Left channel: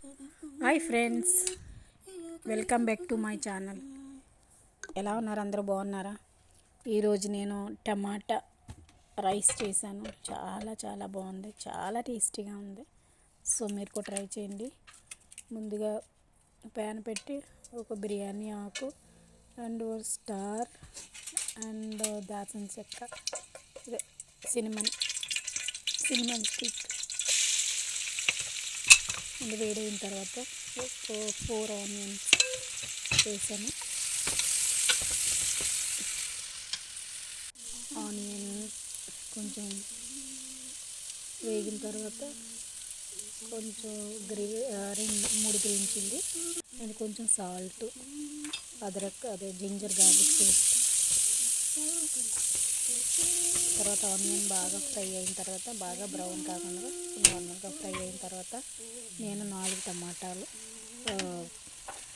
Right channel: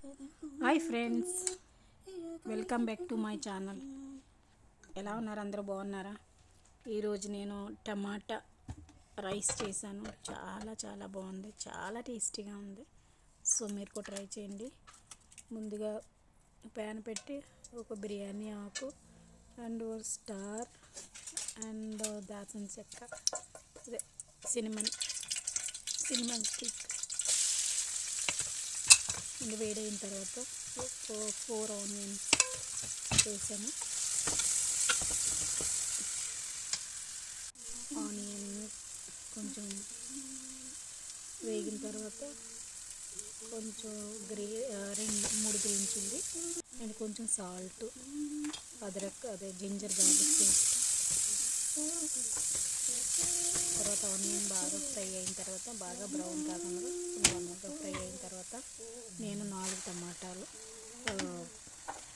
Hi friends welcome back to my channel ఎలా ఉన్నారు? అందరూ బాగున్నారా? ఈరోజు నేను టమాటా రైస్ చేశాను. చాలా చాలా బాగుంది. చాలా టేస్టీగా ఉంది. సో మీరు కూడా ట్రై చేయండి. ముందుగా ప్యాన్ పెట్టి ఒక బిర్యానీ ఆకు అండ్ స్టార్ అండ్ దాల్చిన చెక్క. అదే సినిమన్ సినిమన్ స్టిక్ ఇది వేడైన తర్వాత ఫోర్ ఆనియన్స్ వేసాను. ఆనియన్ కొంచెం వేగిన తర్వాత కొంచెం గ్రీ రెండు మూడు గ్రీన్ చిల్లీ అండ్ కొంచెం సాల్ట్ అదరక్ అదే జింజర్ గార్లిక్ పేస్ట్. తర్వాత ఆనియన్ బాగా ఫ్రై అయిన తర్వాత బాగా బ్రౌన్ కాకుండా నార్మల్గా ఫ్రై అయిన తర్వాత నేను నాలుగు టమాటాలు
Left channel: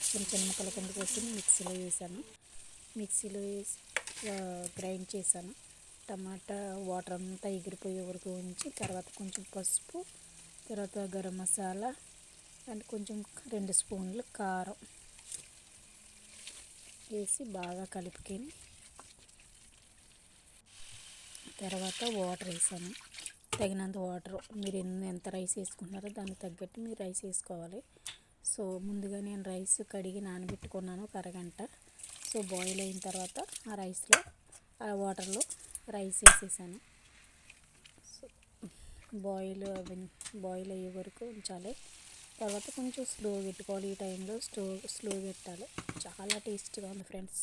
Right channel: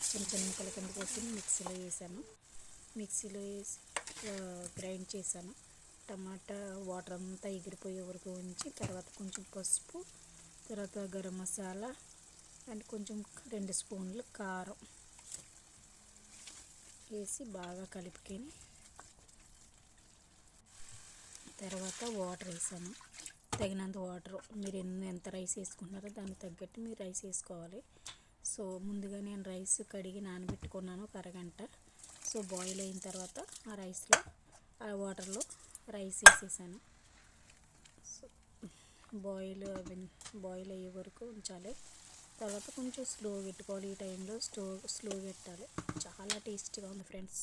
చిన్న చిన్న ముక్కల కింద కోసి మిక్సీలో వేసాను. మిక్సీలో వేసి గ్రైండ్ చేశాను. టమాటా వాటర్ అంతా ఎగిరిపోయే వరకు ఉంచి తర్వాత కొంచెం పసుపు తర్వాత గరం మసాలా అండ్ కొంచెం రెండు స్పూన్లు కారం వేసి బాగా కలుపుకొని తర్వాత వాటర్ వేసాను. తగినంత వాటర్ మీరు ఎంత రైస్ వేసుకుంటున్నారో దానికి తగ్గట్టు మీరు రైస్ వేసుకోవాలి. సో ముందుగా నేను రైస్ కడిగి నానబెట్టుకున్నాను ఒక అరగంట. సో బాయిల్ అయిన తర్వాత ఆ రైస్లో ఆ వాటర్లో రైస్ వేసేసాను. సో బాయిల్ బాయిల్ అయ్యే వరకు ఉంచాలి. తర్వాత కొంచెం స్లో పెట్టుకోవాలి. ఈ టైంలో స్లో స్లో పెట్టాలి. చాలా టేస్ట్గా ఉంది ఫ్రెండ్స్.